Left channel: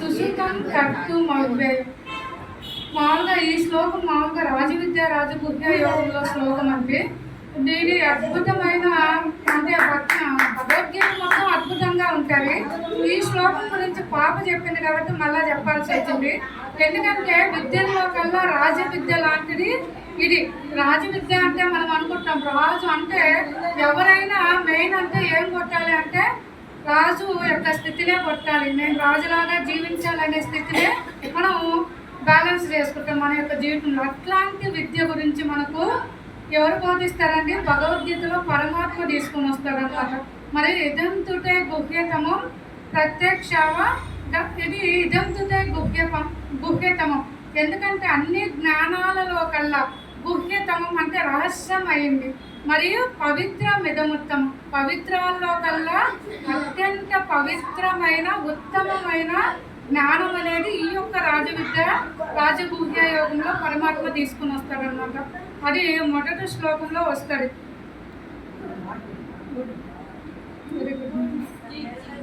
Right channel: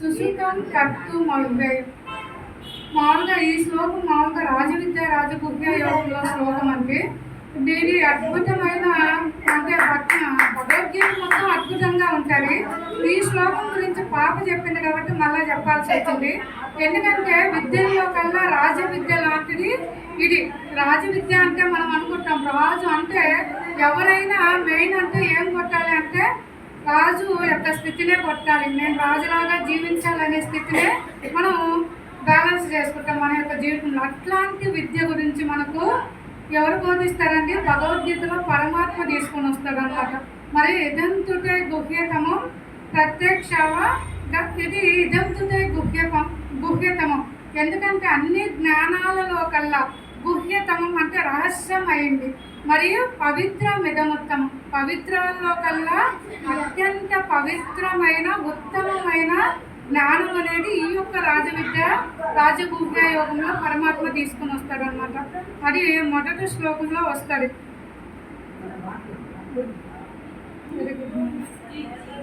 సుసుతం కర్తుమవ్యయం. మామూలుగా ఈ శ్లోకం మామూలుగా రాజవిద్య రాజగుహ్య యోగంలో శ్లోకం అండి. దీని అద్భుతమైన అంటే భగవద్గీత మొత్తం అద్భుతంగా ఉంటుంది. ఈ శ్లోకం గురించి పాప చెప్పింది కాబట్టి మళ్ళీ చెప్పాల్సి వచ్చింది. ఎందుకంటే విద్యల్లో కల్లా రాజవిద్య లాంటిది ఇది. రాజవిద్య అంటే మనం అనుకుంటాం రాజు అంటే ఎవరైనా మెయిన్ అంటే ఏం కొట్టాలి అంటే రాజు యొక్క స్థితినే కొట్టాలి. నేను రాజులాగా జీవించాలనే స్థితినే మనం బ్యాలెన్స్ చేసుకుంటాం మన యొక్క జీవితంలో. అట్లాంటి విద్య గురించి మనకు ఎవరు బోధిస్తారండి? భగవద్గీతలో పరమాత్మ తీసుకొని వస్తారనమాట. మరి ఇదంతుటే గుహ్యతమం ప్రత్యక్షవ, ఇది ఇదంతుటే గుహ్యతమం. ఎందుకంటే అన్ని జ్ఞానాలలో కల్లా గుహ్యతమం అంటే రహస్యం అయింది. మరియు పవిత్రమిదముత్తమం, పవిత్రాల్లో కల్లా అత్యంత పవిత్రమైన ఉత్తమమైన జ్ఞానం అనేది ఈ యొక్క రాజవిద్య రాజగుహ్య యోగంలో పరమాత్మ తీసుకుని వస్తాడనమాట. అది మొదటి శ్లోకంలో వస్తుంది. Very good.